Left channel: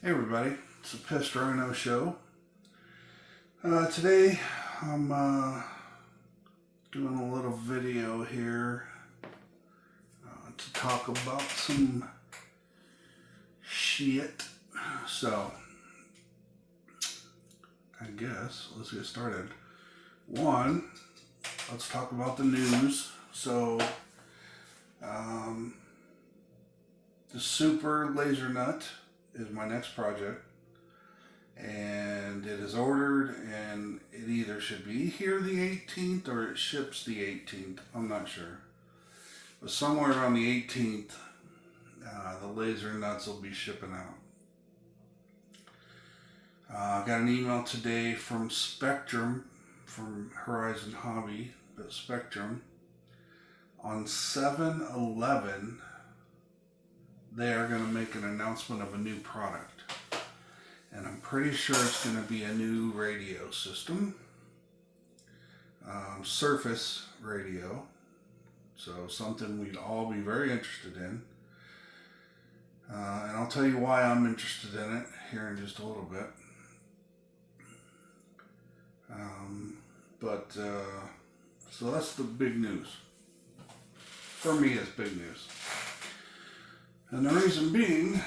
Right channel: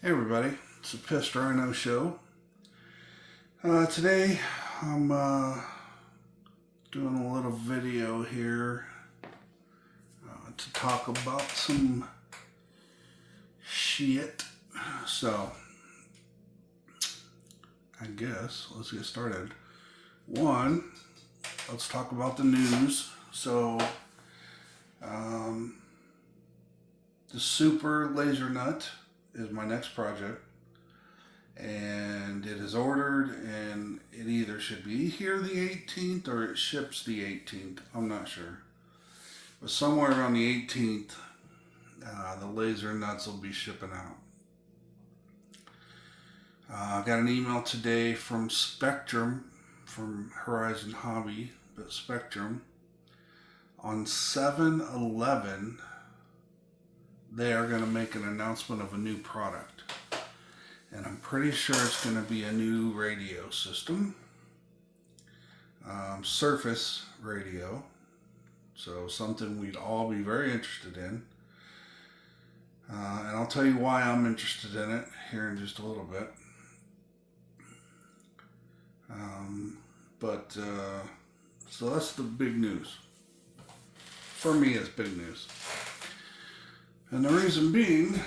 Hey everybody, it's the Pissed Rhino show. Today I'm doing a little video here to talk about some shit. So, I guess let's get started. One, let's talk about the news. So, the Super Laser Nut is my next project, and it is ordered, and it either should be here the 18th or it ships the 18th. I'm not sure, but somewhere around the 18th, the laser nuts will be shipping out. I got an email today from Spectrum, from Horizon Hobby, but Spectrum, on 7/11, they are going to make an announcement of a new product. And I'm pretty sure it's going to be a new radio system. Surface radio. So something we'd all be very interested in. And I'll tell you why I'm interested in it here in just a little bit. So that's the big news. For me, it's big news. And the reason being,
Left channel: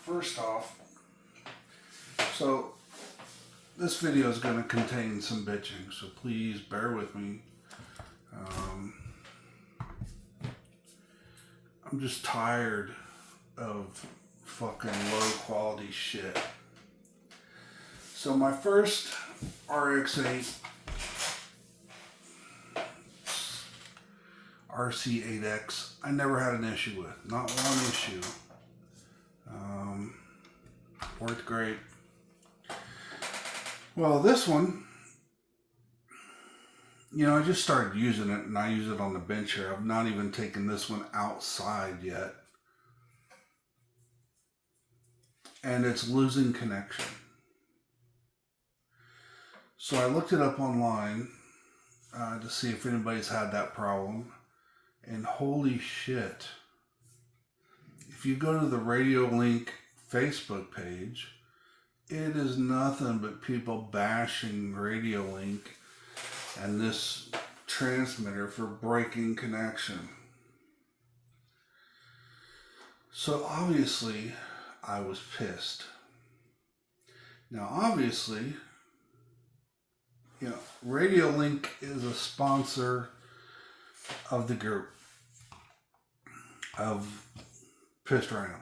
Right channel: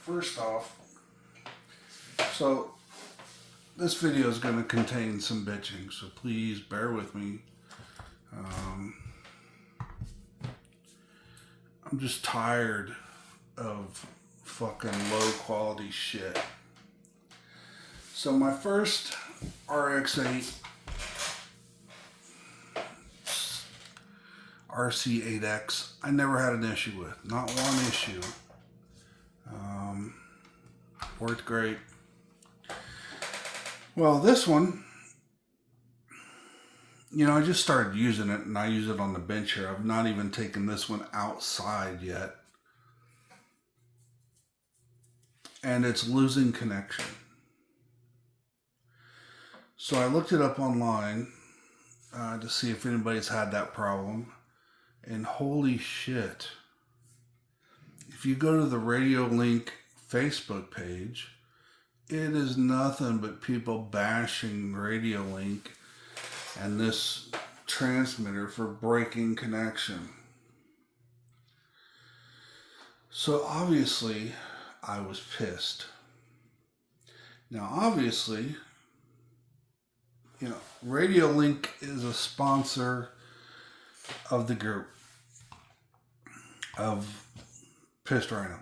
first off, so this video is going to contain some bitching, so please bear with me. I'm just tired of fucking low quality shit. So my first RX8 RC8X, I never had an issue with. Not one issue. Worked great. Well, this one, I just started using it, and I use it on the bench here. I've not even taken this one outside yet. And it's losing connection. So I looked it up online to see if anybody's had that problem. And holy shit, if you go to the Radiolink Facebook page, it is nothing but people bashing Radiolink and this transmitter for breaking connection. So obviously, I was pissed. Now obviously, Radiolink is a sponsor of the group of Pissed Rhino.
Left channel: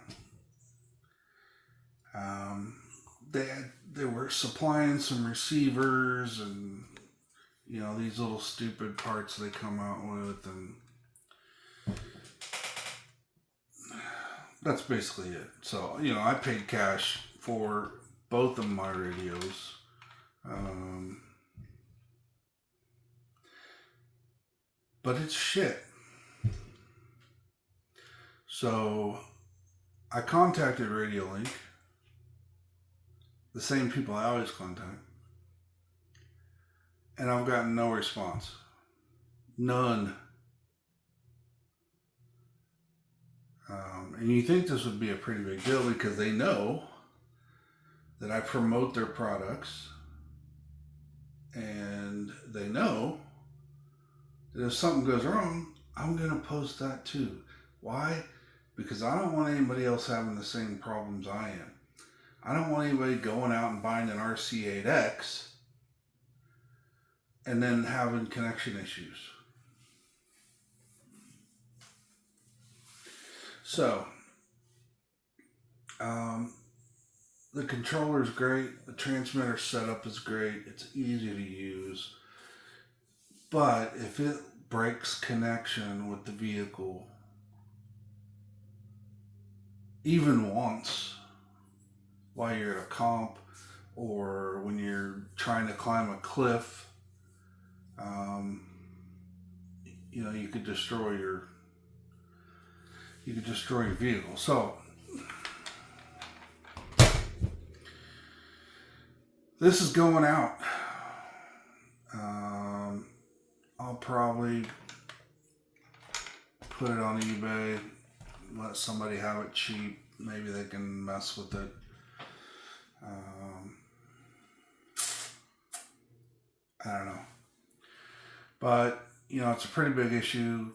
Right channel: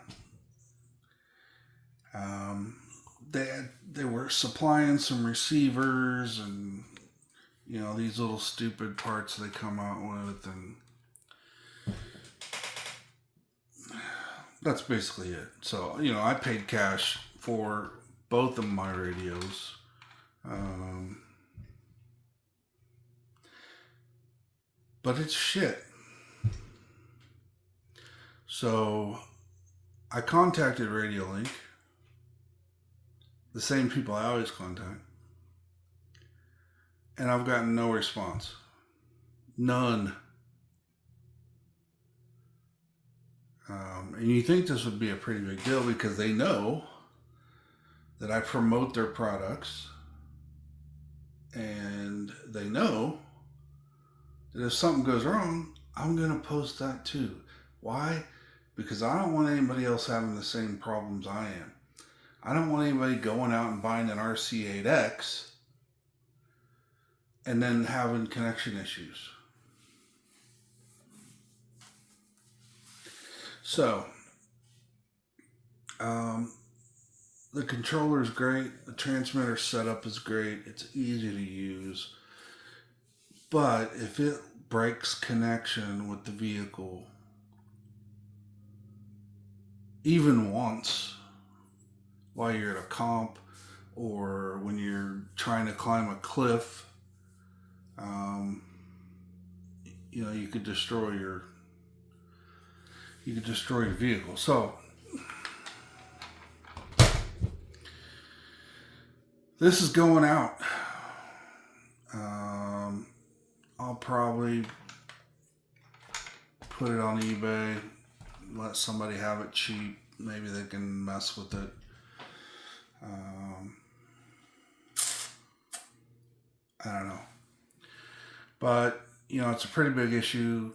They were supplying some receivers and these little stupid parts they come out with, and that's basically it. So I paid cash for both of my radios. But it's shit. So I contacted Radiolink, the same people I always contact, and I've gotten no response. None. And you think this would be a pretty big deal because they know that I promote their products, and they know that if something goes wrong, I'm going to post that too. Why? Because I don't want anybody else having the same problems I am. I don't want anybody going out and buying an RC8X and then having connection issues. So, the controller is great. The transmitter setup is great. It's easy to use. But if it breaks connection with the vehicle, even once, while you're at a comp or when you're trying to climb a cliff, you could destroy your vehicle. So this is going out. I'll probably put it on eBay, let somebody have it cheap. Maybe they can mess with it. I don't know. But, you know, it's a pretty big issue.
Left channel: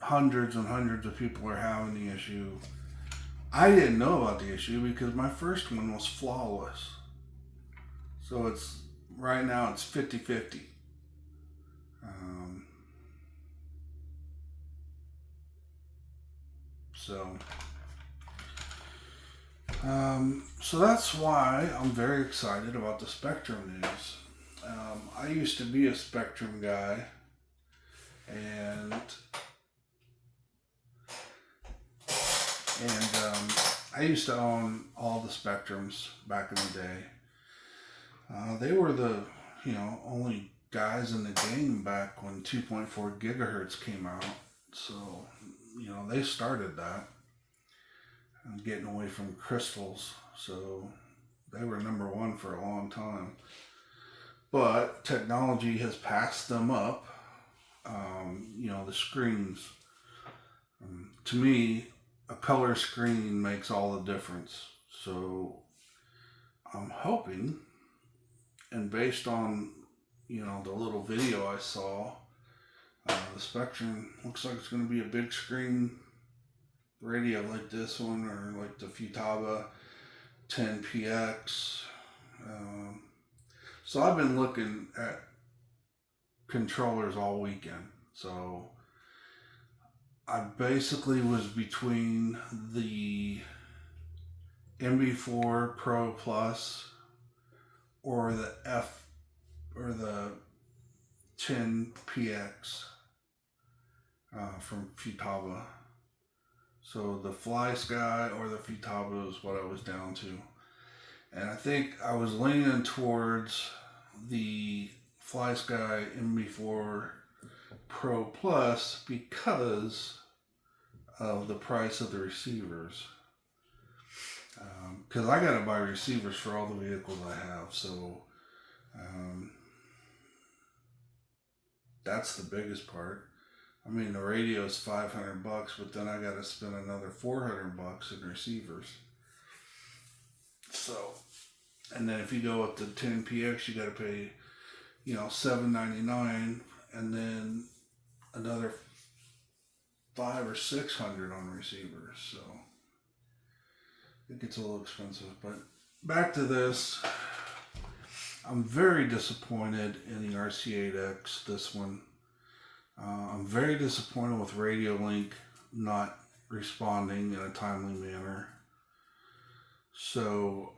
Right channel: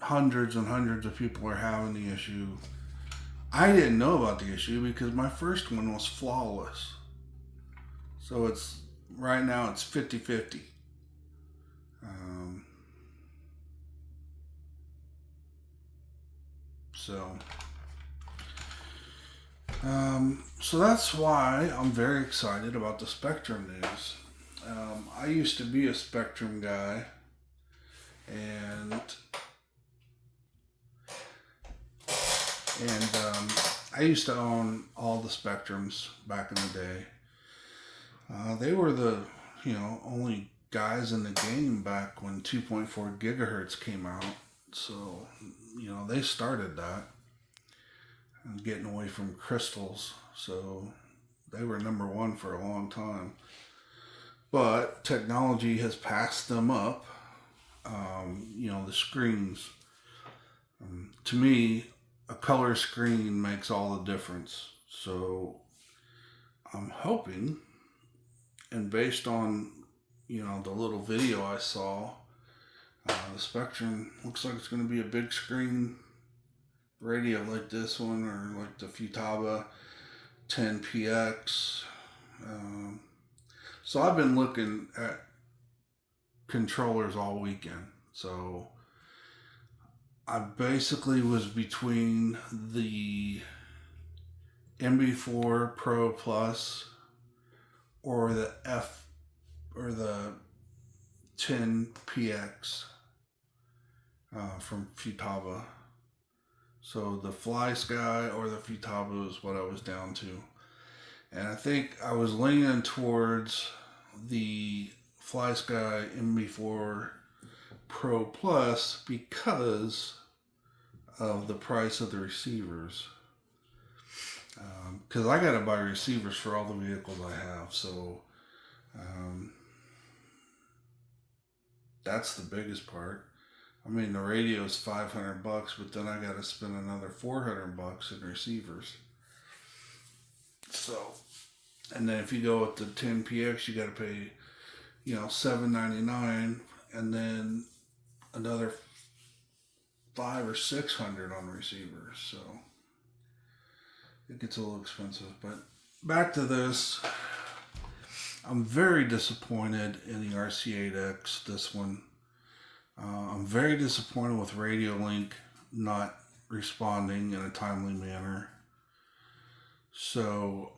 Hundreds and hundreds of people are having the issue. I didn't know about the issue because my first one was flawless. So it's, right now it's 50-50. So that's why I'm very excited about the Spectrum news. I used to be a Spectrum guy, and I used to own all the Spectrums back in the day. They were the, you know, only guys in the game back when 2.4 gigahertz came out. So, you know, they started that and getting away from crystals. So they were number one for a long time. But technology has passed them up. You know, the screens. To me, a color screen makes all the difference. So I'm hoping, and based on, you know, the little video I saw, the Spectrum looks like it's going to be a big screen radio like this one, or like the Vitavon 10PX. So I've been looking at controllers all weekend. So I basically was between the MB4 Pro Plus or the 10PX from Vitavon. So the Fly Sky or the Vitavon is what I was down to. And I think I was leaning towards the Fly Sky MB4 Pro Plus because of the price of the receivers. Because I got to buy receivers for all the vehicles I have. So that's the biggest part. I mean, the radio is $500, but then I got to spend another $400 in receivers. So, and then if you go with the 10PX, you got to pay, you know, $799, and then another $500 or $600 on receivers. So it gets a little expensive. But back to this, I'm very disappointed in the RC8X. This one. I'm very disappointed with Radiolink not responding in a timely manner. So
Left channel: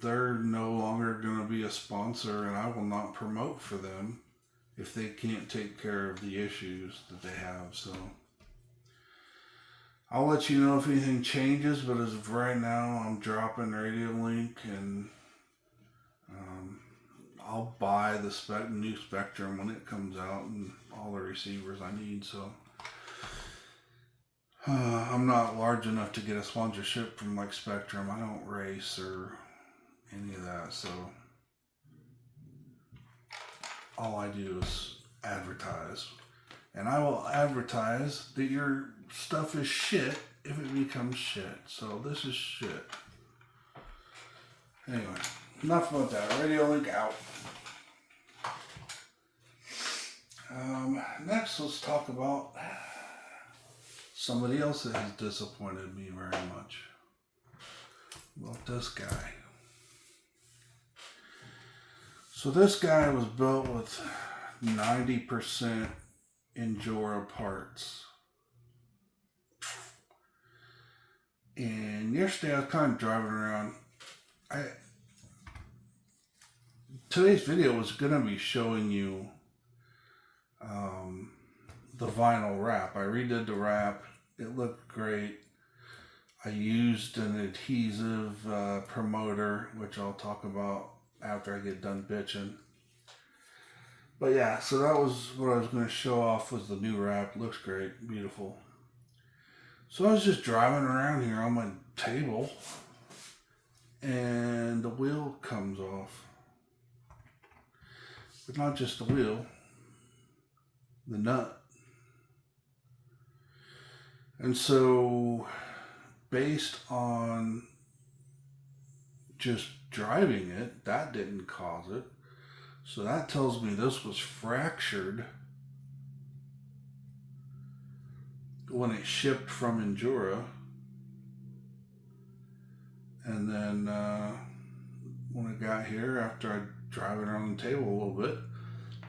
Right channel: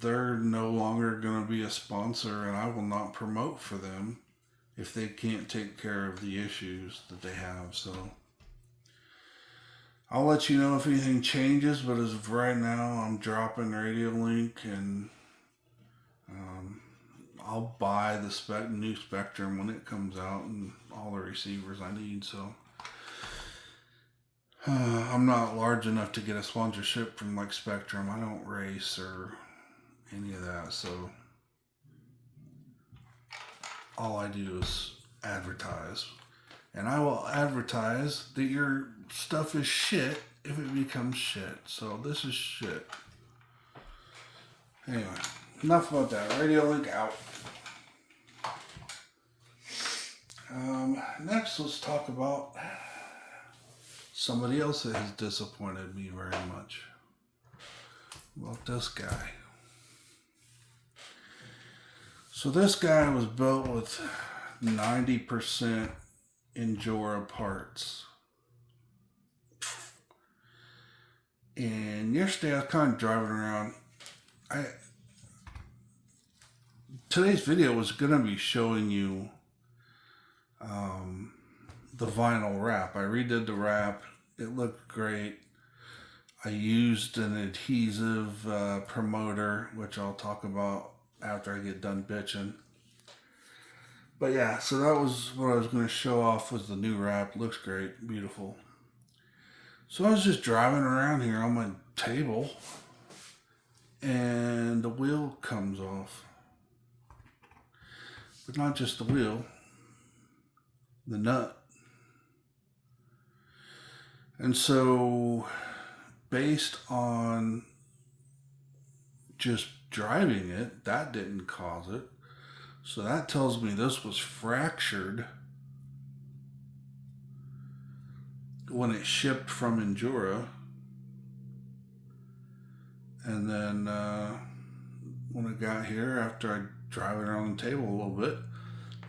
they're no longer going to be a sponsor, and I will not promote for them if they can't take care of the issues that they have. So I'll let you know if anything changes, but as of right now, I'm dropping Radiolink, and I'll buy the new Spectrum when it comes out and all the receivers I need. So I'm not large enough to get a sponsorship from like Spectrum. I don't race or any of that. So all I do is advertise. And I will advertise that your stuff is shit if it becomes shit. So this is shit. Anyway, enough about that. Radiolink out. Next, let's talk about somebody else that has disappointed me very much. About this guy. So this guy was built with 90% Injora parts. And yesterday I was kind of driving around. Today's video was going to be showing you the vinyl wrap. I redid the wrap. It looked great. I used an adhesive promoter, which I'll talk about after I get done bitching. But yeah, so that was what I was going to show off, was the new wrap. Looks great. Beautiful. So I was just driving around here on my table, and the wheel comes off. But not just the wheel, the nut. And so, based on just driving it, that didn't cause it. So that tells me this was fractured when it shipped from Injora. And then when it got here, after I drive it around the table a little bit,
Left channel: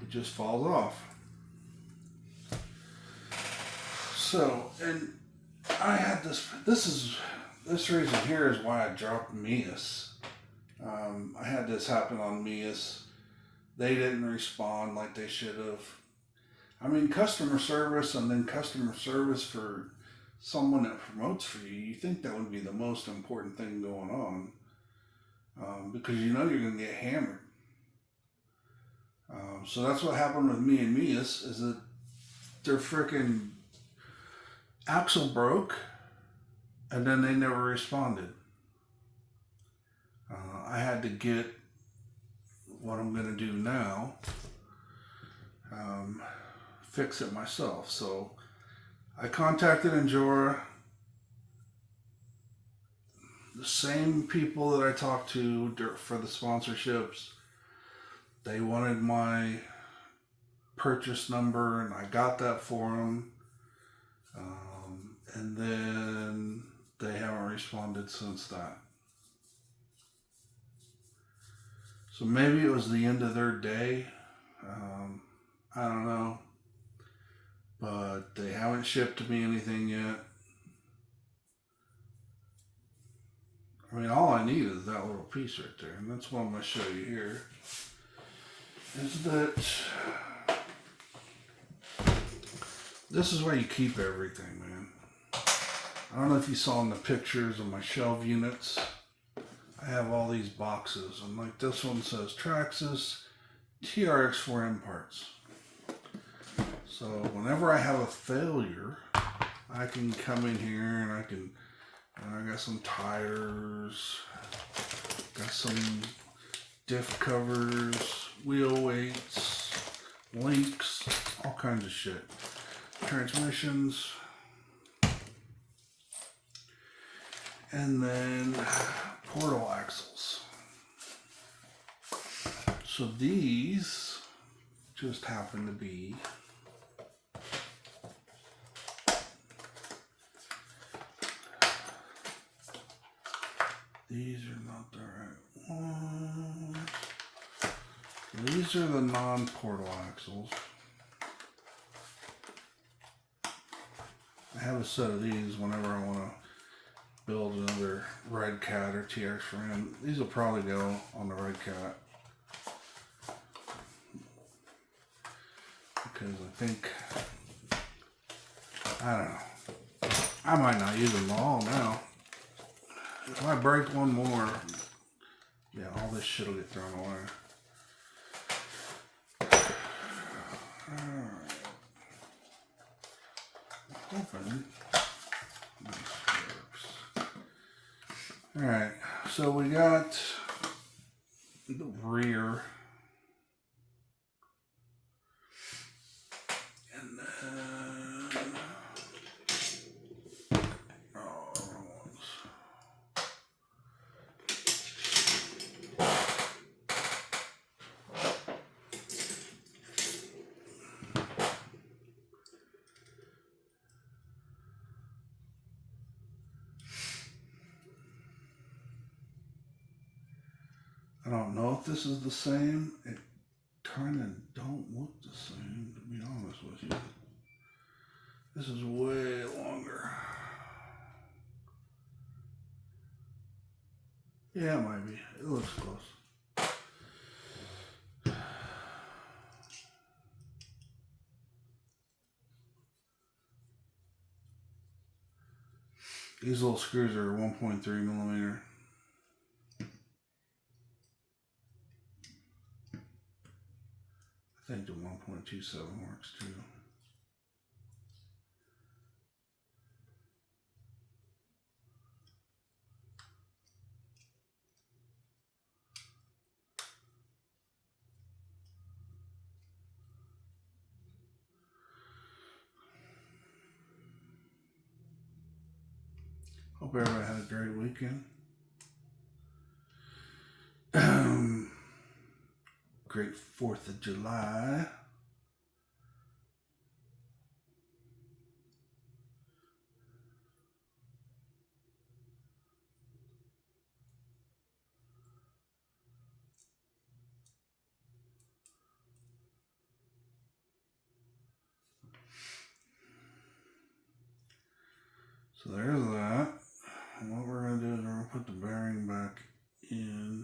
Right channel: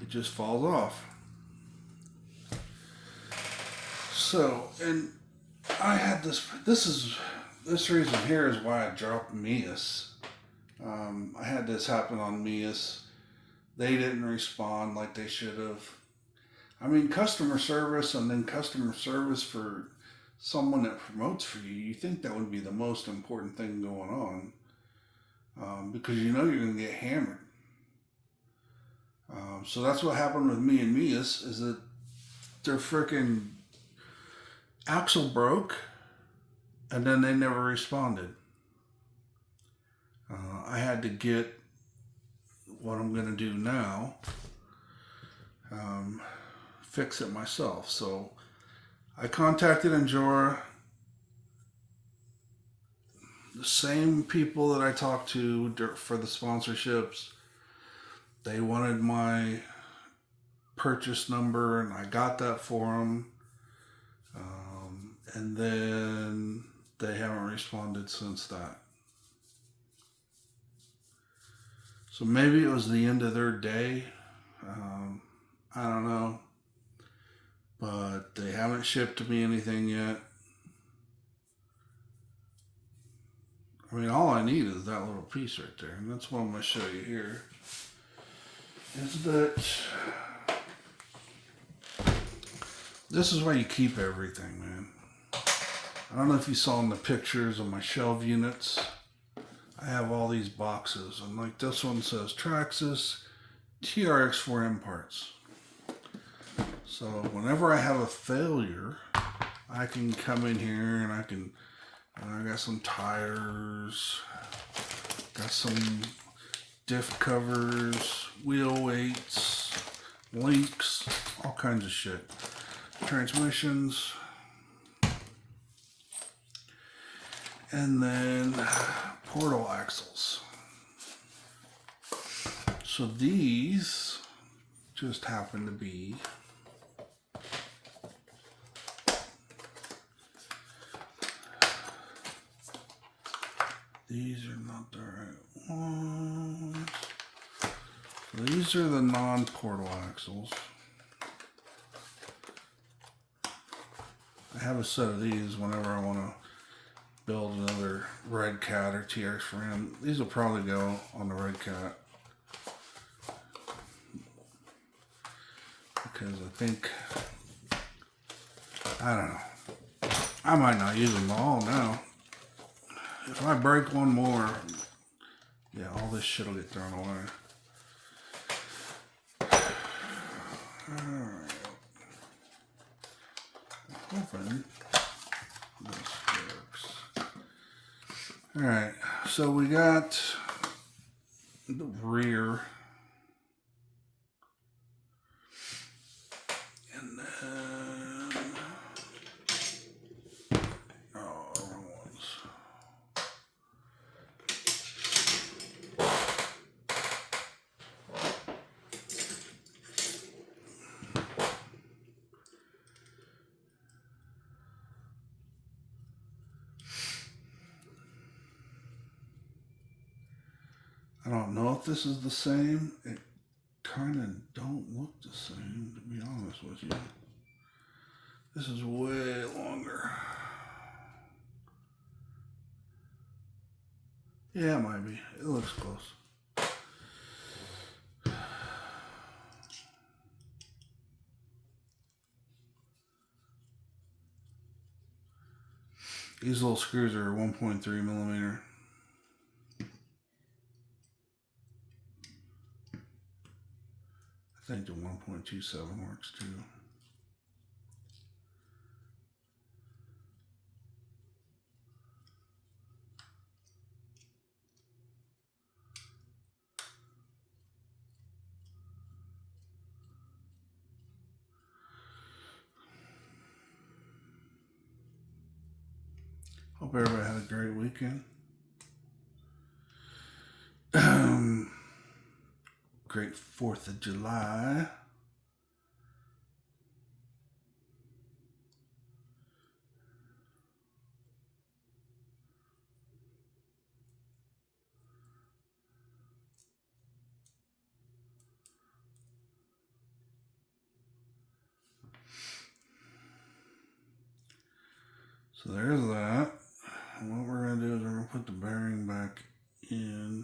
it just falls off. So, and I had this reason here is why I dropped Mias. I had this happen on Mias. They didn't respond like they should have. I mean, customer service and then customer service for someone that promotes for you, you think that would be the most important thing going on, because you know you're going to get hammered. So that's what happened with me and Mias, is that their freaking axle broke and then they never responded. I had to get what I'm going to do now, fix it myself. So I contacted Injora, the same people that I talked to for the sponsorships. They wanted my purchase number, and I got that for them. And then they haven't responded since that. So maybe it was the end of their day. I don't know. But they haven't shipped to me anything yet. I mean, all I need is that little piece right there. And that's what I'm going to show you here. Is that this is where you keep everything, man. I don't know if you saw in the pictures of my shelf units. I have all these boxes, and like this one says Traxxas Trx4m parts. So whenever I have a failure, I can come in here and I got some tires, got some diff covers, wheel weights, links, all kinds of shit. Transmissions. And then portal axles. So these just happen to be these are not the right ones. So these are the non-portal axles. I have a set of these whenever I want to build another Red Cat or Trx4m. These will probably go on the Red Cat, because I think, I don't know, I might not use them all now. If I break one more, yeah, all this shit will get thrown away. Alright. Open. This works. Alright, so we got the rear. And then, oh, wrong ones. I don't know if this is the same. It kind of don't look the same, to be honest with you. This is way longer. Yeah, it might be. It looks close. These little screws are 1.3 millimeter. I think the 1.27 works too. Hope everybody had a great weekend. Great 4th of July. So there's that. And what we're going to do is we're going to put the bearing back in.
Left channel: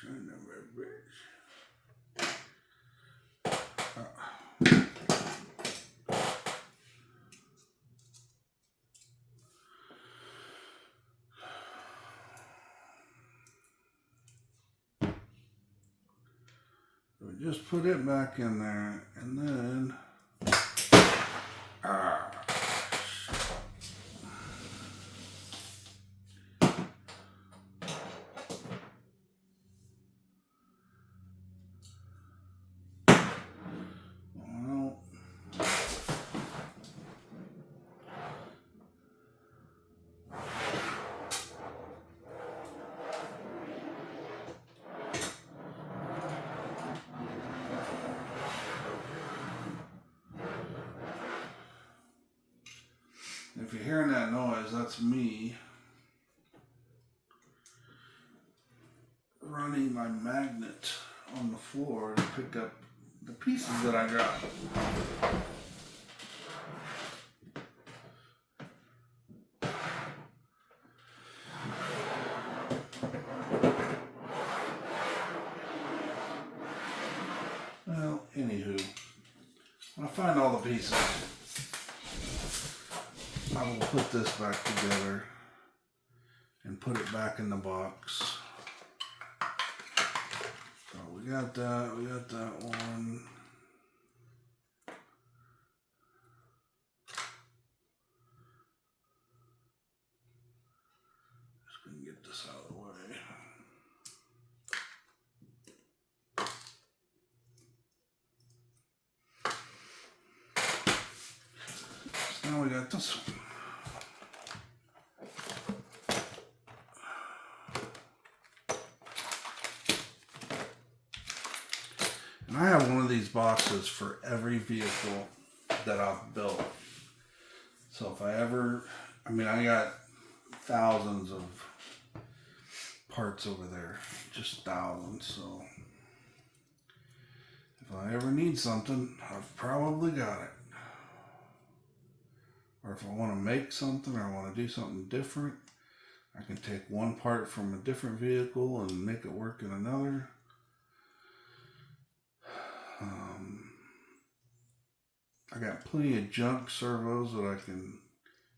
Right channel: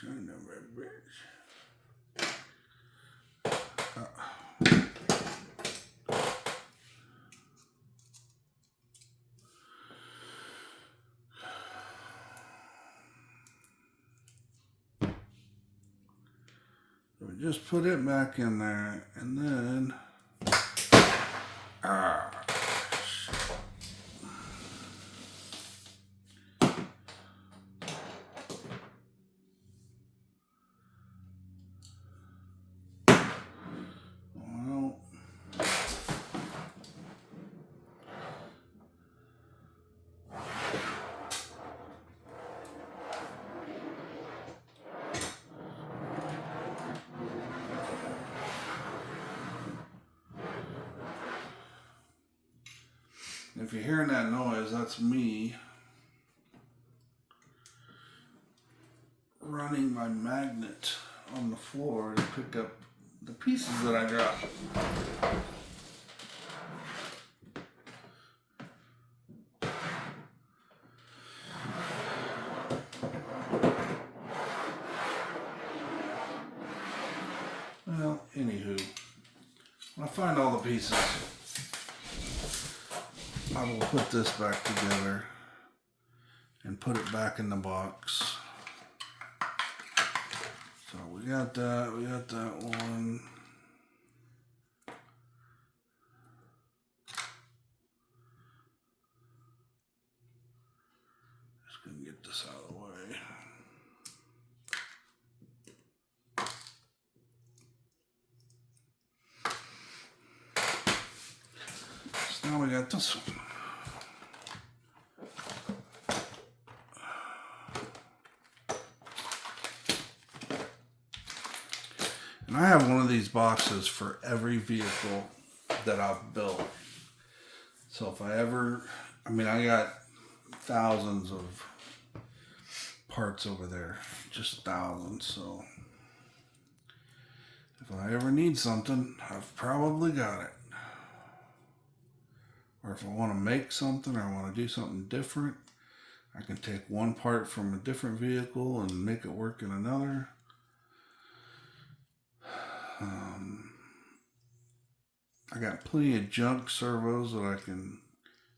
Son of a bitch. So we just put it back in there, and then if you're hearing that noise, that's me running my magnet on the floor to pick up the pieces that I got. Well, anywho, when I find all the pieces, I will put this back together and put it back in the box. So we got that one. Just gonna get this out of the way. So now we got this one. And I have one of these boxes for every vehicle that I've built. So if I ever, I got thousands of parts over there, just thousands. So if I ever need something, I've probably got it. Or if I want to make something or I want to do something different, I can take one part from a different vehicle and make it work in another. I got plenty of junk servos that I can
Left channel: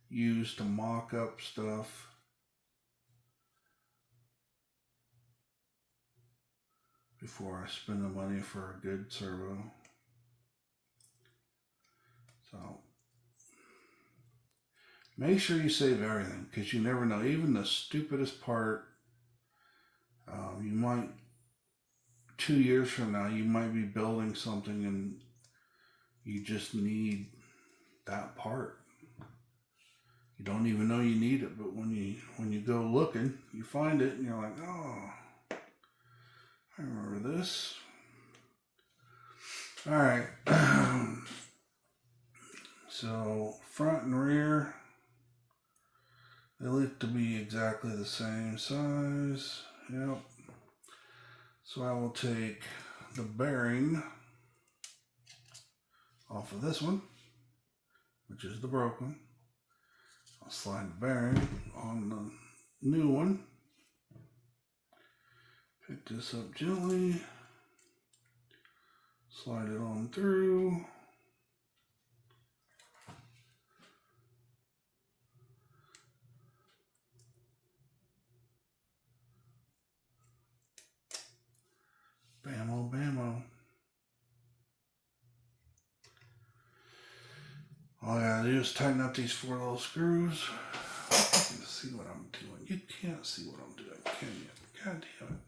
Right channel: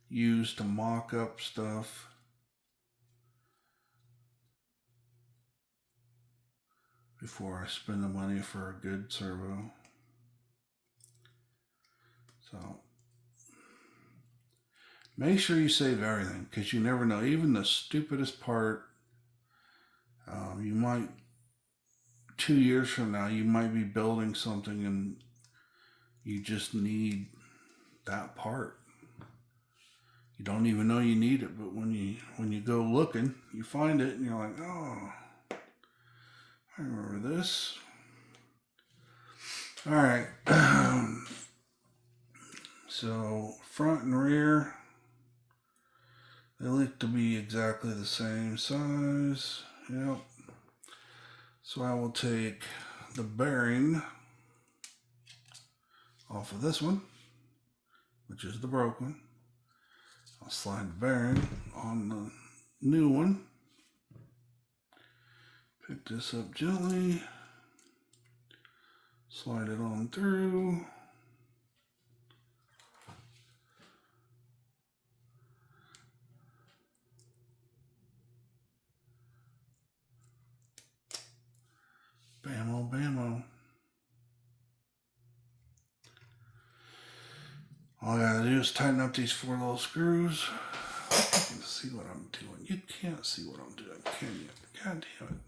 use to mock up stuff. Before I spend the money for a good servo. So make sure you save everything, because you never know. Even the stupidest part, you might, 2 years from now, you might be building something and you just need that part. You don't even know you need it, but when you go looking, you find it and you're like, oh, I remember this. All right. So front and rear, they look to be exactly the same size. Yep. So I will take the bearing off of this one, which is the broken. I'll slide the bearing on the new one. Pick this up gently. Slide it on through. Bammo, bammo. All I gotta do is tighten up these 4 little screws. You can see what I'm doing. You can't see what I'm doing, can you? God damn it.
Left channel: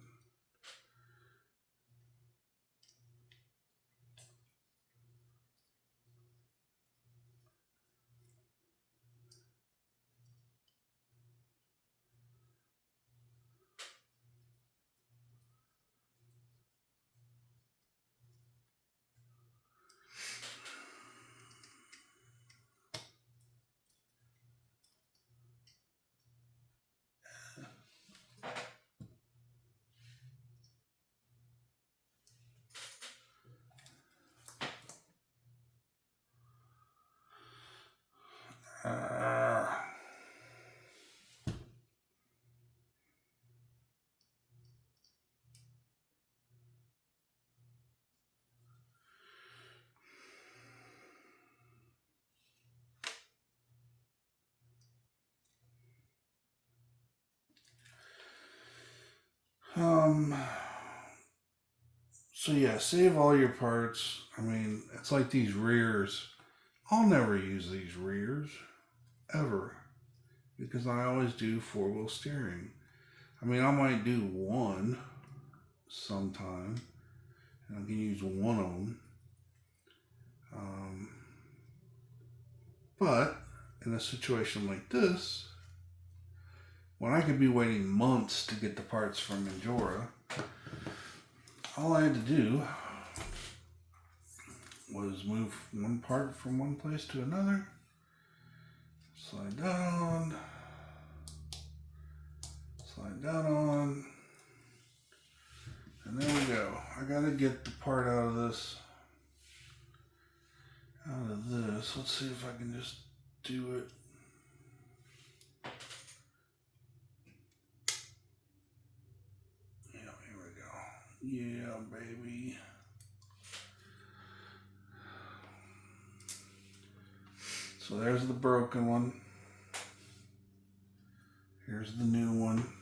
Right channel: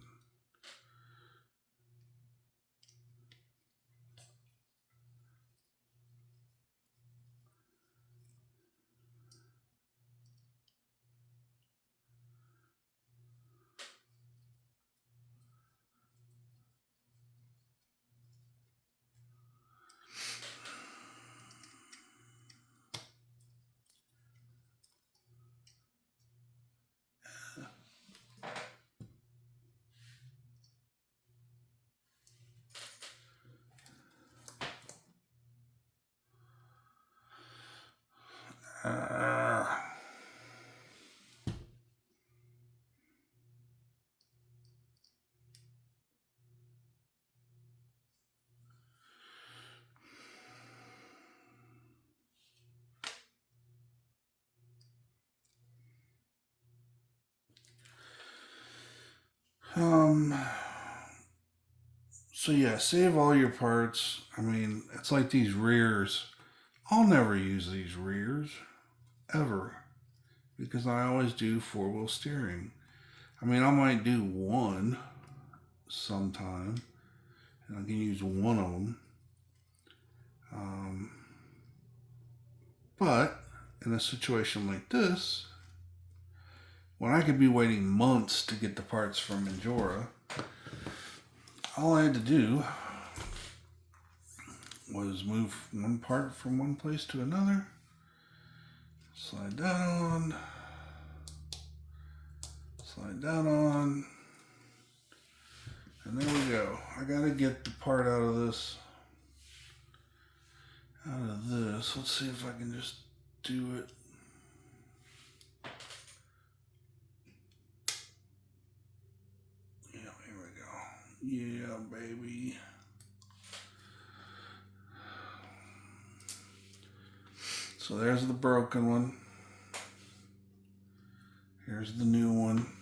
So yeah, save all your parts. I mean, it's like these rears. I'll never use these rears, ever, because I always do four-wheel steering. I mean, I might do one sometime, and I can use one of them. But in a situation like this, when I could be waiting months to get the parts from Injora, all I had to do was move one part from one place to another, slide that on, slide that on, and there we go. I gotta get the part out of this. Let's see if I can just do it. Yeah, here we go. Yeah, baby. So there's the broken one. Here's the new one.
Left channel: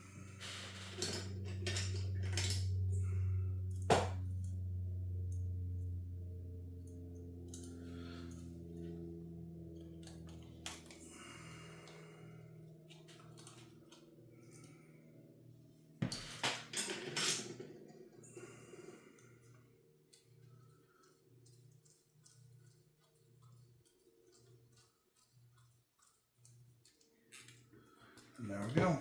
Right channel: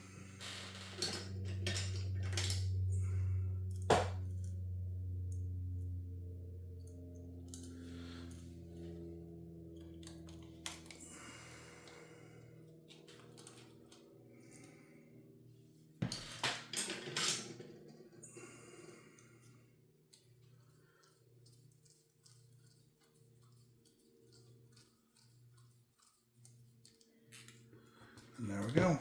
And there we go.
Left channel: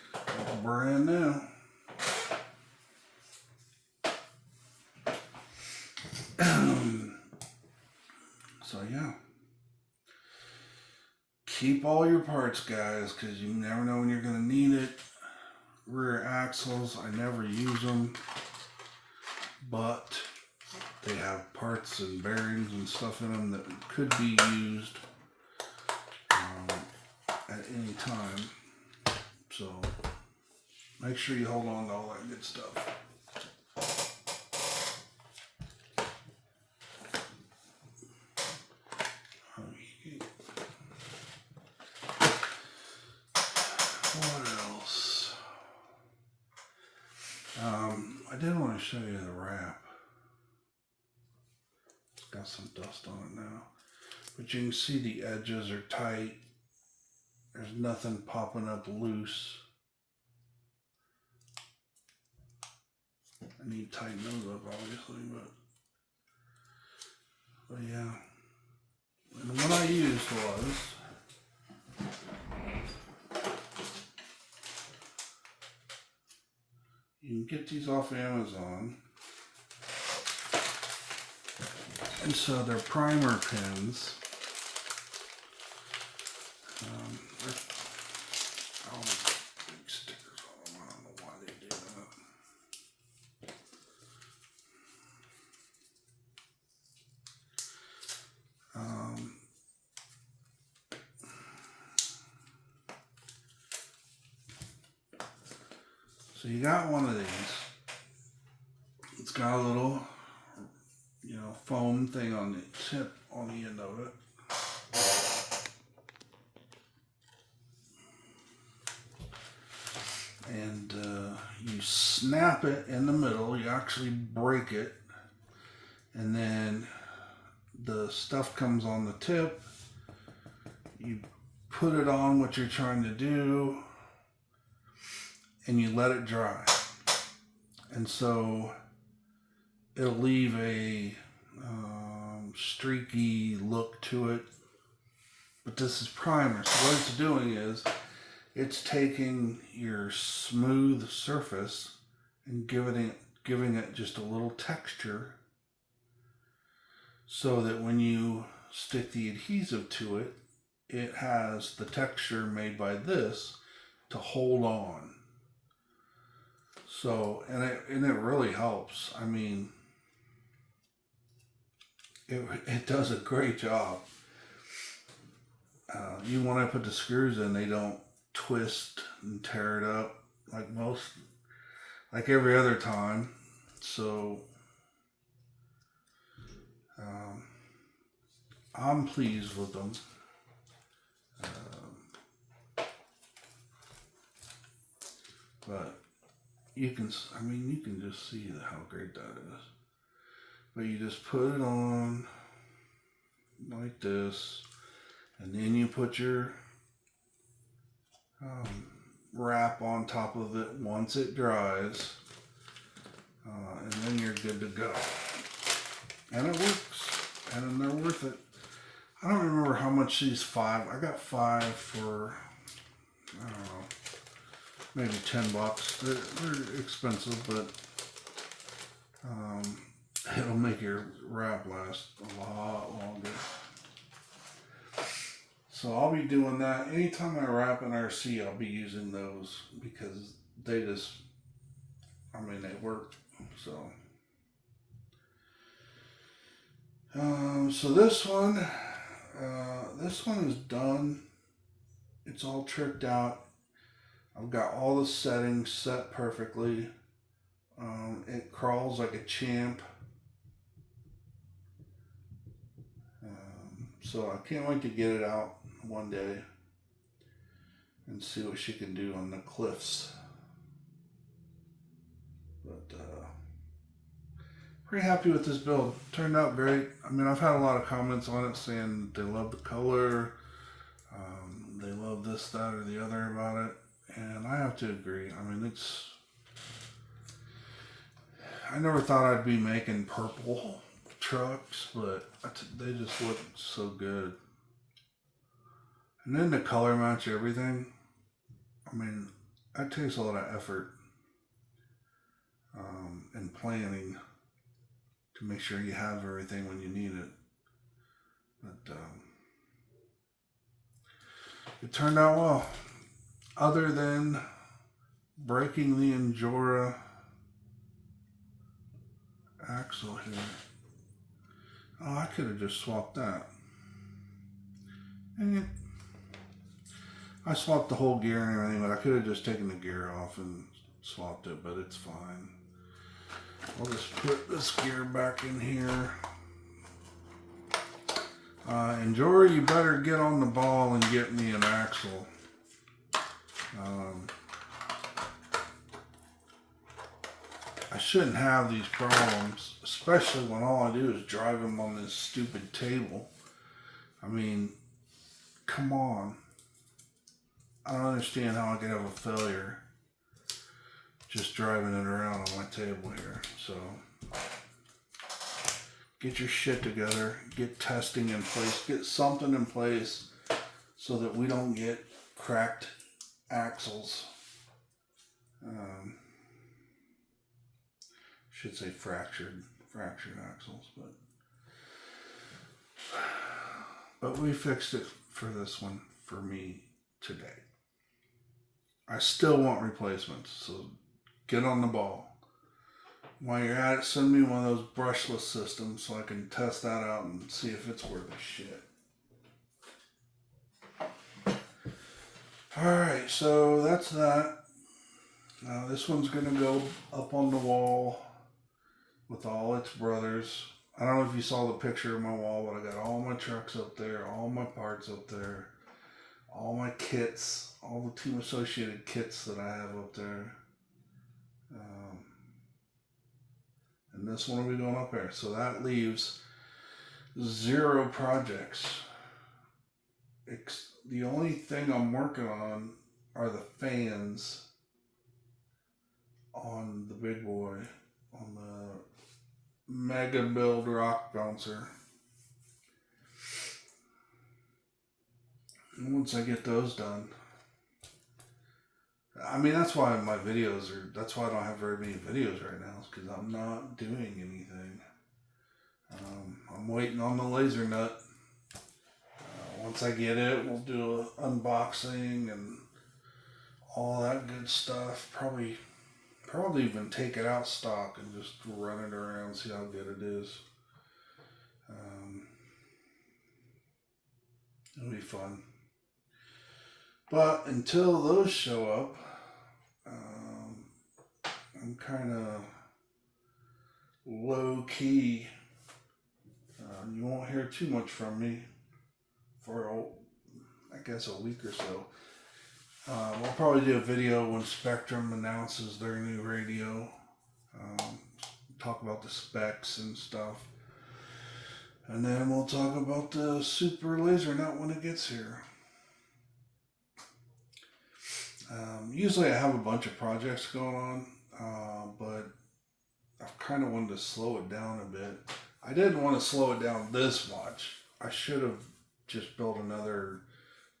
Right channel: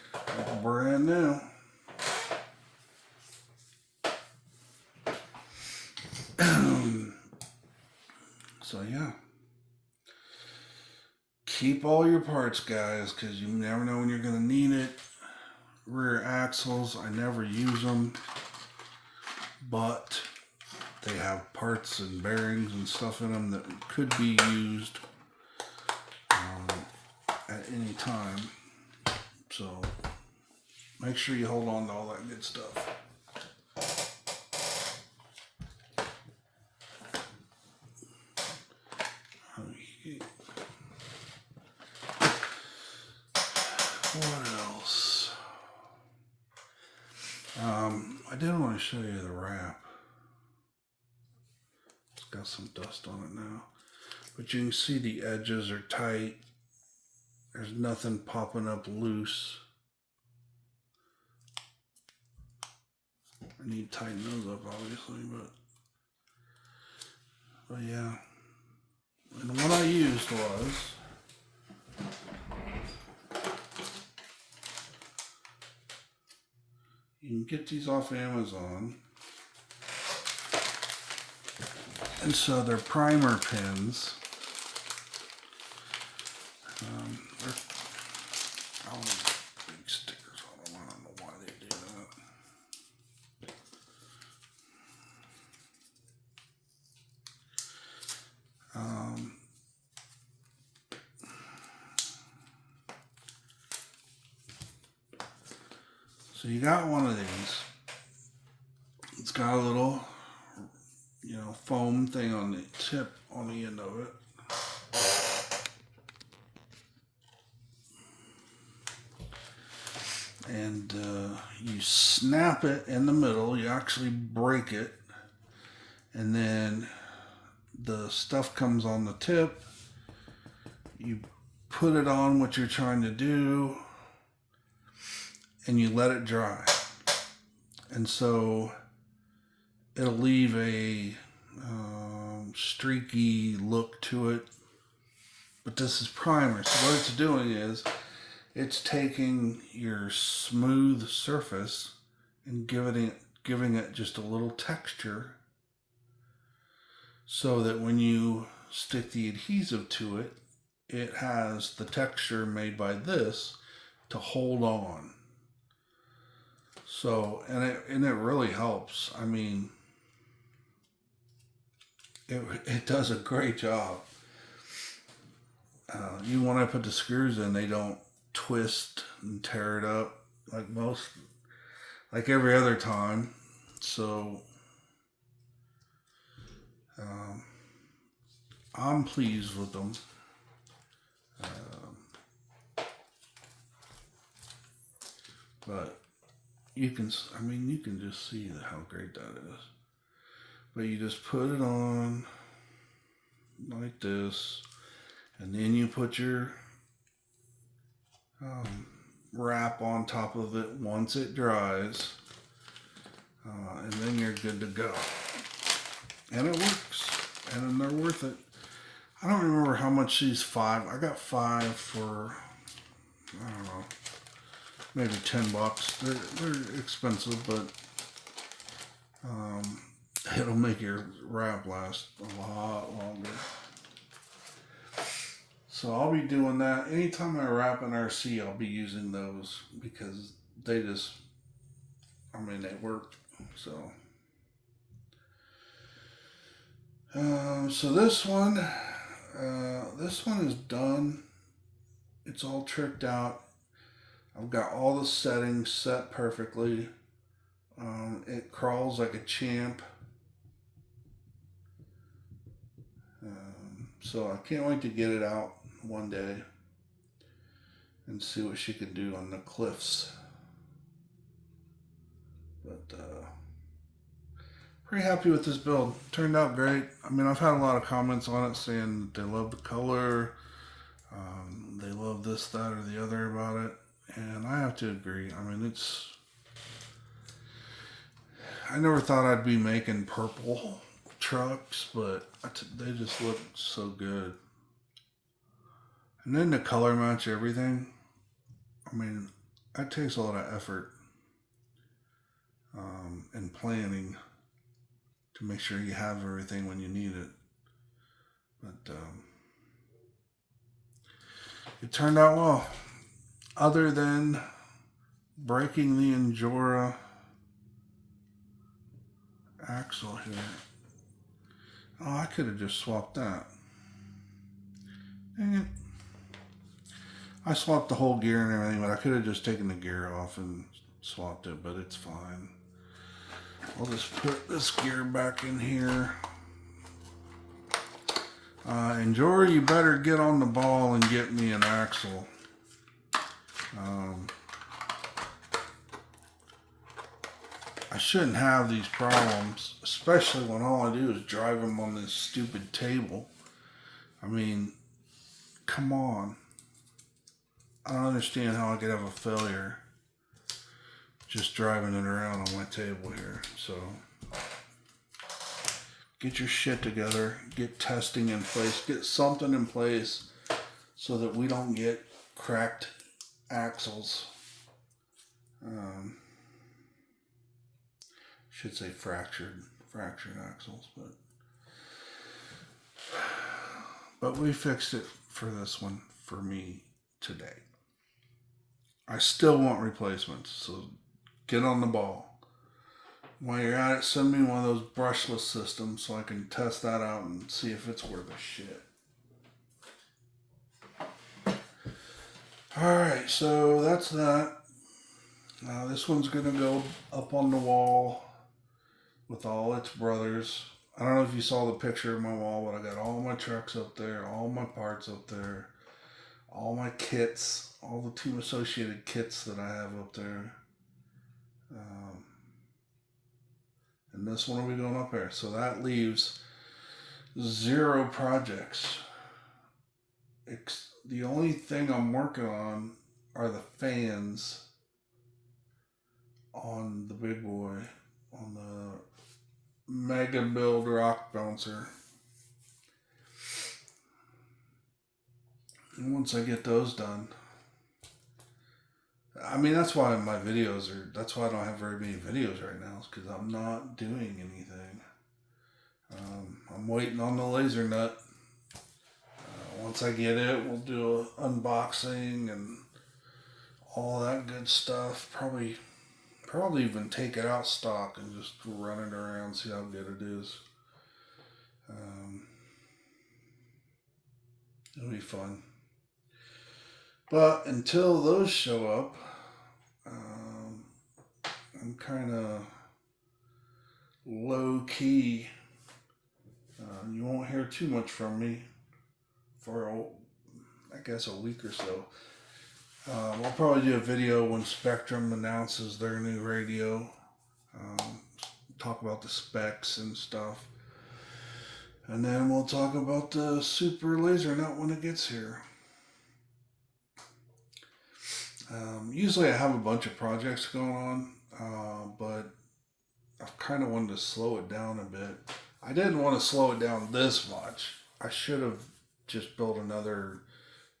It's brand new. So yeah. Keep all your parts, guys, because you never know when you're going to need it. Rear axles, I never use them, but they have parts and bearings and stuff in them that could be used at any time. So make sure you hold on to all that good stuff. Okay. What else? I did want to show you the wrap. It's got some dust on it now, but you can see the edges are tight. There's nothing popping up loose. I need to tighten those up, obviously, but yeah. And what I used was you can get these off Amazon, and so they're primer pins. They're big stickers on them. I don't know why they do that. So you got one of these. It's got a little, foam thing on the tip, on the end of it. And you snap it in the middle. You actually break it, and then the stuff comes on the tip. You put it on what you're trying to do, and you let it dry. And so it'll leave a streaky look to it. But this is primer. So what it's doing is it's taking your smooth surface and giving it just a little texture, so that when you stick the adhesive to it, it has the texture made by this to hold on. So, and it really helps. I mean, it does a great job. You when I put the screws in, they don't twist and tear it up like every other time. So I'm pleased with them. But you can, I mean, you can just see how great that is. But you just put it on like this, and then you put your wrap on top of it once it dries, and then you're good to go. And it works, and they're worth it. I don't remember how much these 5. I got 5 for, I don't know, maybe $10. They're expensive, but it'll make your wrap last a lot longer. So I'll be doing that. Anytime I wrap an RC, I'll be using those because they just, I mean, they work. So, so this one is done. It's all tricked out. I've got all the settings set perfectly. It crawls like a champ. So I can't wait to get it out one day and see what she can do on the cliffs. But pretty happy with this build. Turned out great. I mean, I've had a lot of comments on it saying they love the color, they love this, that, or the other about it, and I have to agree. I mean, I never thought I'd be making purple trucks, but they just look so good. And then to color match everything, I mean, that takes a lot of effort and planning to make sure you have everything when you need it. But it turned out well, other than breaking the Injora axle here. Oh, I could have just swapped that. Dang it. I swapped the whole gear and everything, but I could have just taken the gear off and swapped it, but it's fine. We'll just put this gear back in here. Injora, you better get on the ball and get me an axle. I shouldn't have these problems, especially when all I do is drive them on this stupid table. I mean, come on. I don't understand how I could have a failure just driving it around on my table here. So, get your shit together, get testing in place, get something in place so that we don't get cracked axles. Should say fractured axles, but we fixed it for this one for me today. I still want replacements, so get on the ball. While you're at it, send me one of those brushless systems so I can test that out and see if it's worth a shit. Alright, so that's that. Now this one's going to go up on the wall with all its brothers. I don't know if you saw the picture of my wall, but I got all my trucks up there, all my parts up there, all my kits, all the team associated kits that I have up there. And this one will be going up there. So that leaves 0 projects. The only thing I'm working on are the fans on the big boy, on the Mega Build Rock Bouncer. And once I get those done, I mean, that's why my videos are, that's why I don't have very many videos right now, is because I'm not doing anything. I'm waiting on the laser nut. Once I get it, we'll do an unboxing and all that good stuff. Probably even take it out stock and just run it around, see how good it is. It'll be fun. But until those show up, I'm kind of low key. You won't hear too much from me for, I guess, a week or so. We'll probably do a video when Spectrum announces their new radio. Talk about the specs and stuff. And then we'll talk about the super laser nut when it gets here. Usually I have a bunch of projects going on, but I've kind of wanted to slow it down a bit. I didn't want to slow it down this much. I should have just built another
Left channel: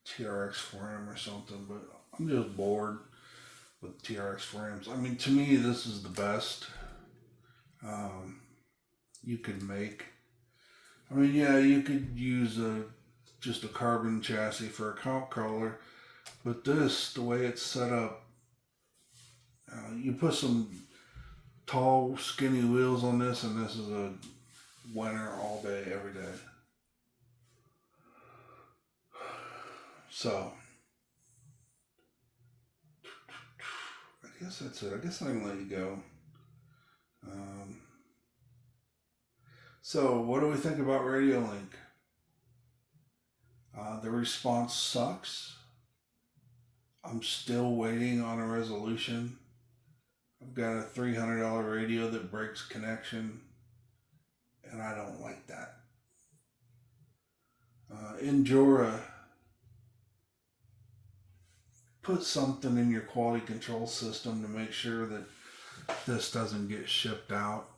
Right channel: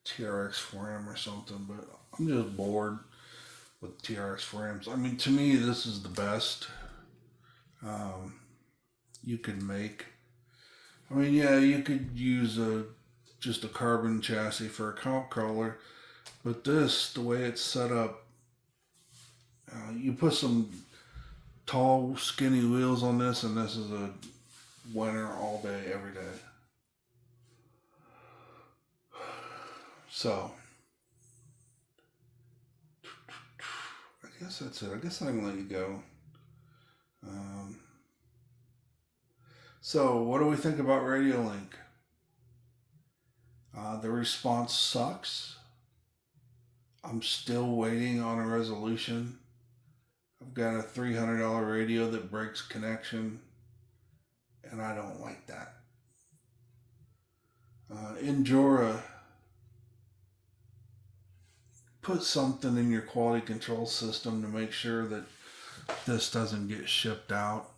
Trx4m or something, but I'm just bored with Trx4ms. I mean, to me, this is the best you could make. I mean, yeah, you could use just a carbon chassis for a comp crawler, but this, the way it's set up, you put some tall, skinny wheels on this, and this is a winner all day, every day. So, I guess that's it. I guess I can let you go. So, what do we think about Radiolink? The response sucks. I'm still waiting on a resolution. I've got a $300 radio that breaks connection, and I don't like that. Injora, put something in your quality control system to make sure that this doesn't get shipped out.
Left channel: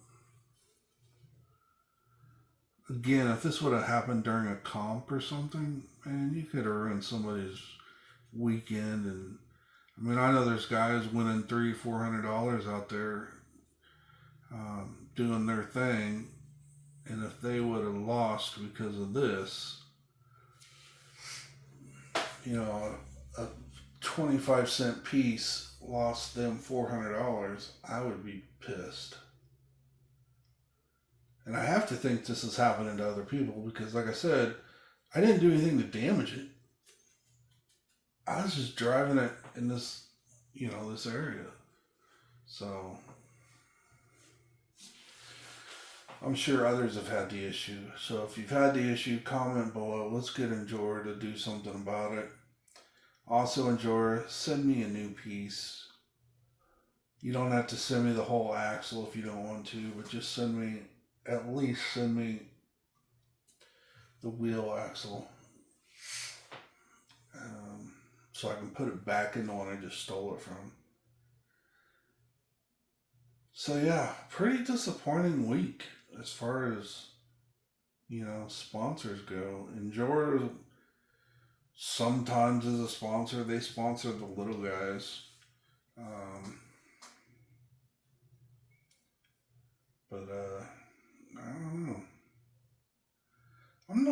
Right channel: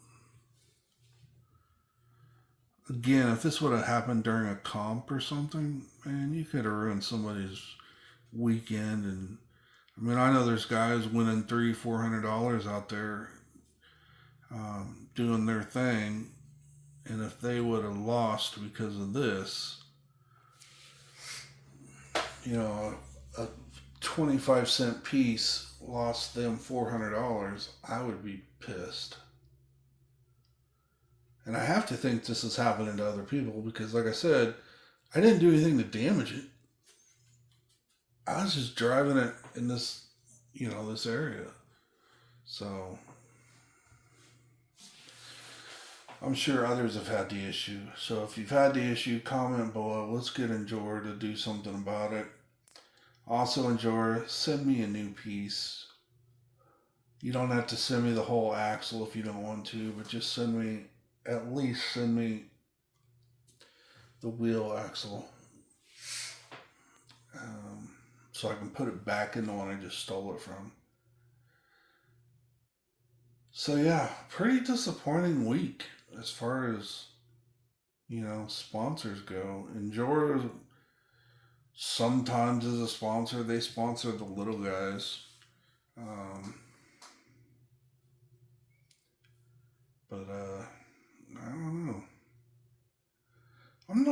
Again, if this would have happened during a comp or something, man, you could have ruined somebody's weekend. And I mean, I know there's guys winning $300-400 out there doing their thing, and if they would have lost because of this, you know, a 25-cent piece lost them $400, I would be pissed. And I have to think this is happening to other people because, like I said, I didn't do anything to damage it. I was just driving it in this, this area. So, I'm sure others have had the issue. So, if you've had the issue, comment below. Let's get Injora to do something about it. Also, Injora, send me a new piece. You don't have to send me the whole axle if you don't want to, but just at least send me the wheel axle. So I can put it back in the one I just stole it from. So yeah, pretty disappointing week as far as, sponsors go. Injora sometimes is a sponsor. They sponsor the little guys. But I don't know. I'm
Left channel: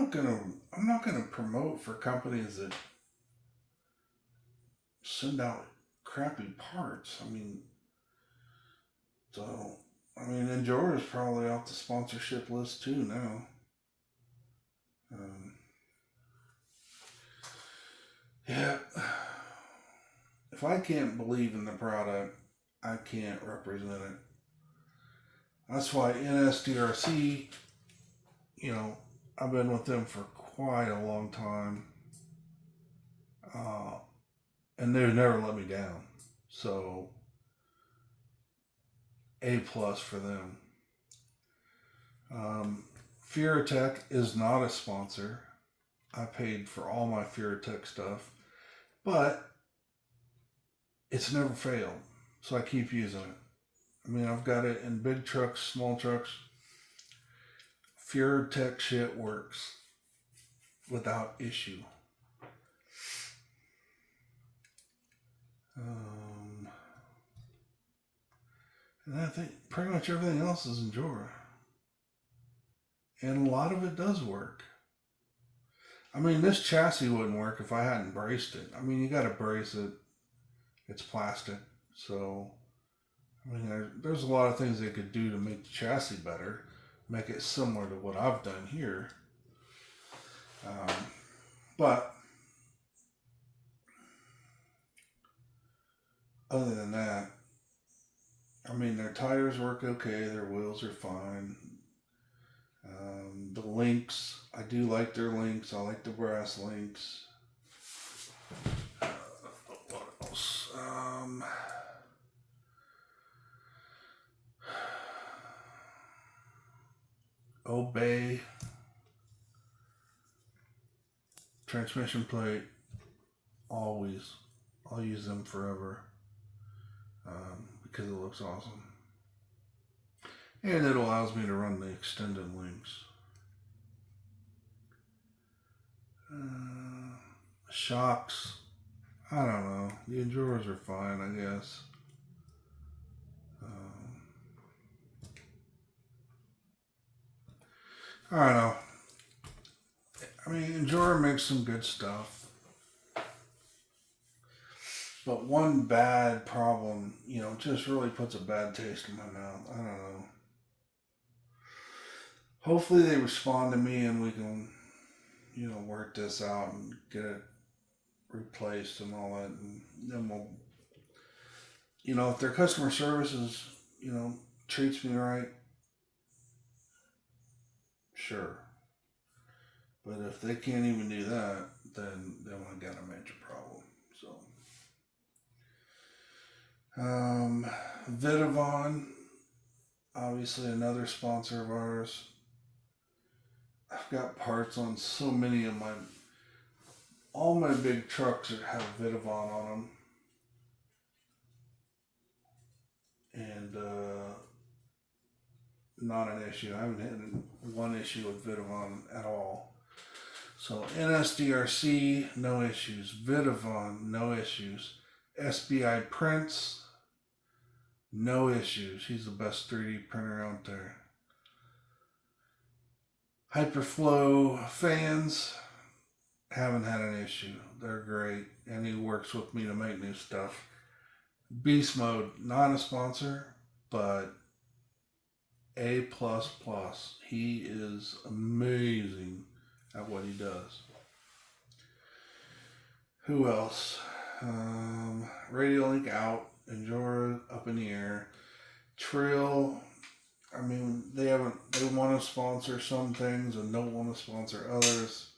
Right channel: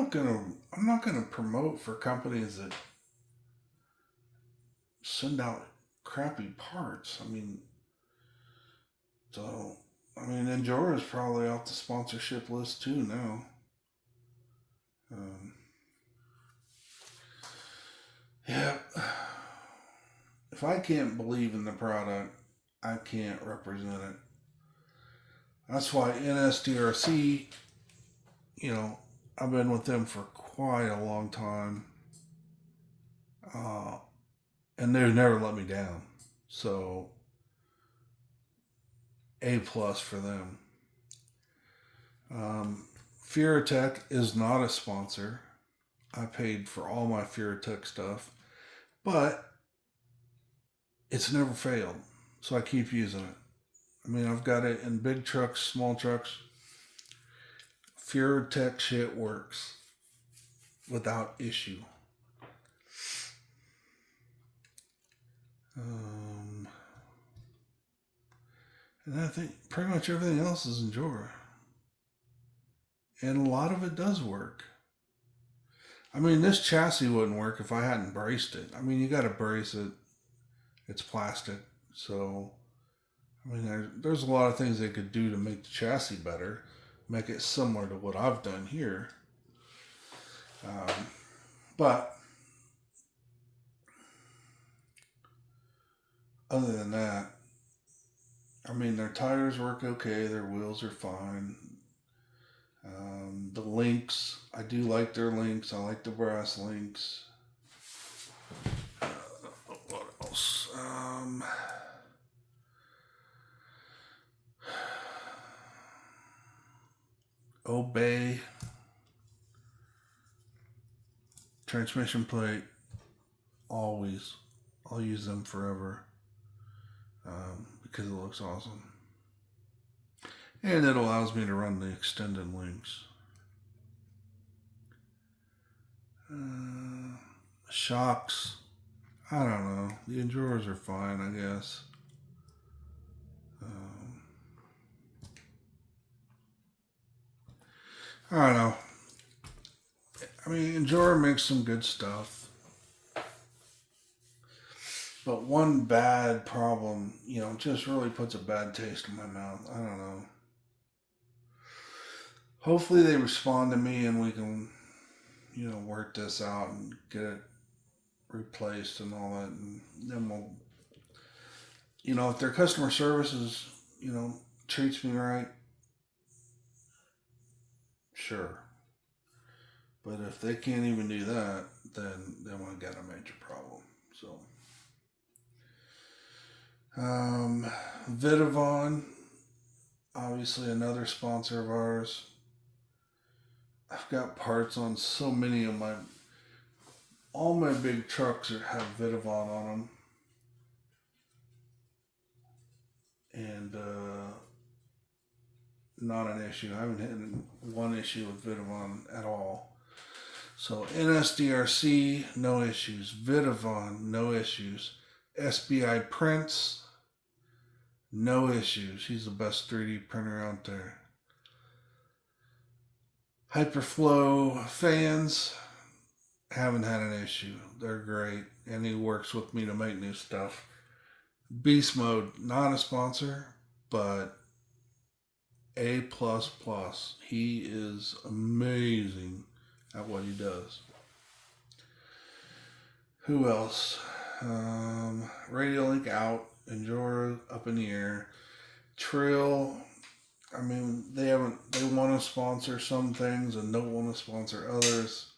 not gonna promote for companies that send out crappy parts. Injora is probably off the sponsorship list too now. Yeah. If I can't believe in the product, I can't represent it. That's why NSDRC, I've been with them for quite a long time. And they've never let me down. So, A+ for them. Hitec is not a sponsor. I paid for all my Hitec stuff. But it's never failed. So I keep using it. I've got it in big trucks, small trucks. Hitec shit works without issue. And I think pretty much everything else is Injora. And a lot of it does work. This chassis wouldn't work if I hadn't braced it. You got to brace it. It's plastic. So, there's a lot of things they could do to make the chassis better. Make it similar to what I've done here. But other than that, their tires work okay. Their wheels are fine. The links, I do like their links. I like the brass links. obey. Transmission plate, always. I'll use them forever because it looks awesome. And it allows me to run the extended links. Shocks, I don't know. The Injoras are fine, I guess. I don't know. I mean, Injora makes some good stuff. But one bad problem, you know, just really puts a bad taste in my mouth. I don't know. Hopefully they respond to me and we can, you know, work this out and get it replaced and all that. And then we'll, you know, if their customer service is, you know, treats me right, sure. But if they can't even do that, then I got a major problem. So, Vitavon, obviously another sponsor of ours. I've got parts on so many of all my big trucks have Vitavon on them. And not an issue. I haven't had one issue with Vitavon at all. So NSDRC, no issues. Vitavon, no issues. SBIPrints, no issues. He's the best 3D printer out there. Hyperflow fans, haven't had an issue. They're great. And he works with me to make new stuff. Beast Mode, not a sponsor, but A++. He is amazing at what he does. Who else? Radiolink out. Injora up in the air. Trill, I mean, they want to sponsor some things and don't want to sponsor others.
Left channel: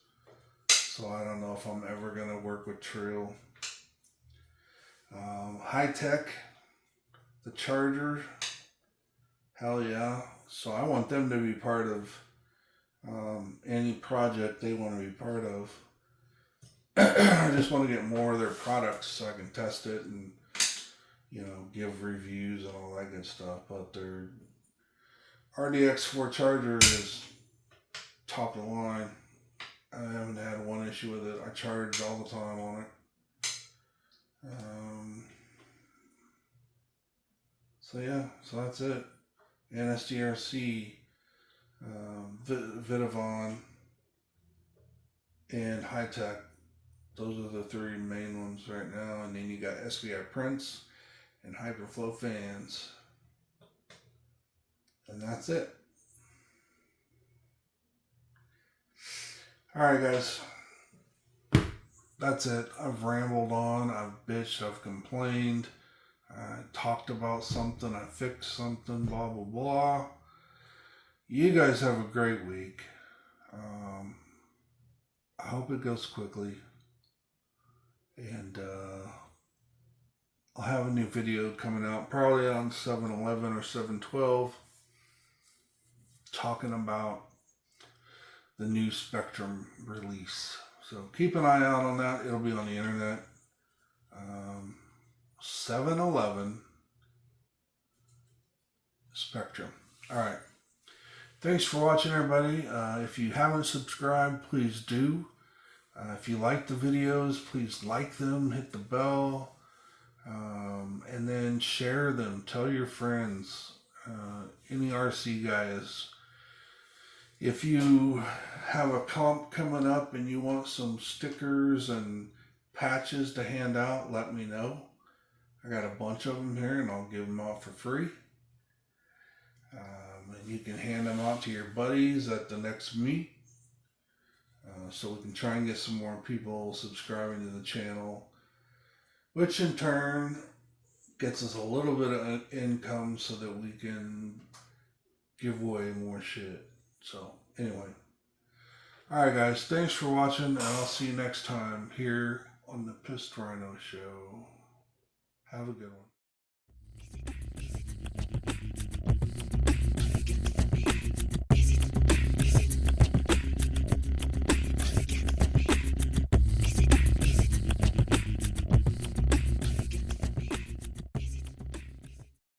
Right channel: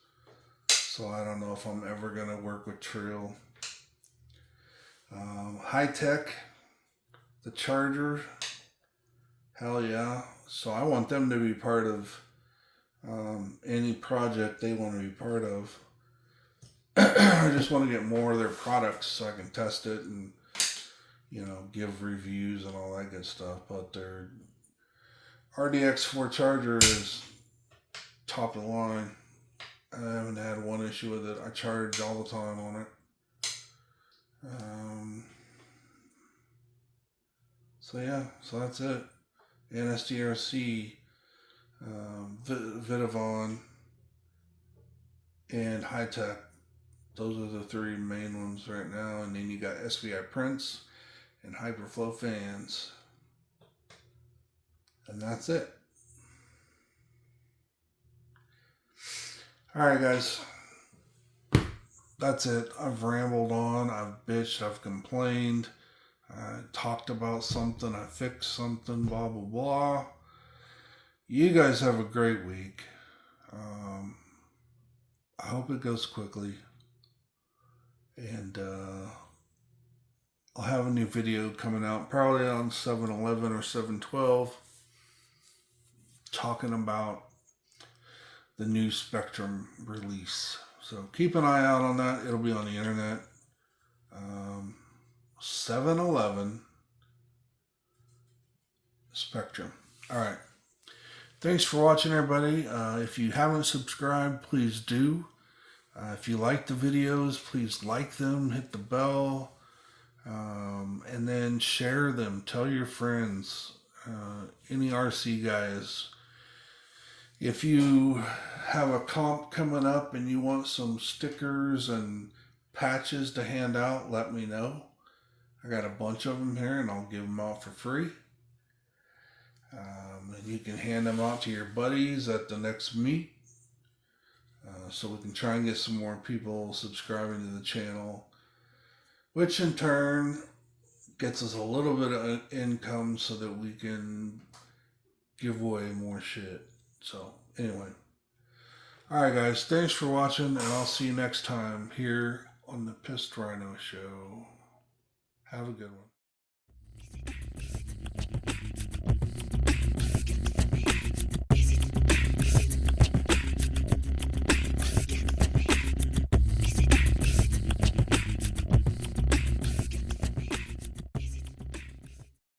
So I don't know if I'm ever going to work with Trill. Hitec, the charger, hell yeah. So I want them to be part of any project they want to be part of. I just want to get more of their products so I can test it and, you know, give reviews and all that good stuff. But their Trx4 charger is top of the line. I haven't had one issue with it. I charge all the time on it. So yeah, so that's it. NSDRC, Vitavon, and Hitec. Those are the three main ones right now. And then you got SBIPrints and Hyperflow fans. And that's it. Alright guys. That's it. I've rambled on. I've bitched. I've complained. I talked about something. I fixed something. Blah, blah, blah. You guys have a great week. I hope it goes quickly. And I'll have a new video coming out probably on 7/11 or 7/12 talking about the new Spectrum release. So keep an eye out on that. It'll be on the internet. 7/11 Spectrum. All right. Thanks for watching, everybody. If you haven't subscribed, please do. If you like the videos, please like them, hit the bell, and then share them. Tell your friends, any RC guys. If you have a comp coming up and you want some stickers and patches to hand out, let me know. I got a bunch of them here and I'll give them out for free. And you can hand them out to your buddies at the next meet. So we can try and get some more people subscribing to the channel, which in turn gets us a little bit of income so that we can give away more shit. So anyway, all right guys, thanks for watching, and I'll see you next time here on the Pissed Rhino Show. Have a good one.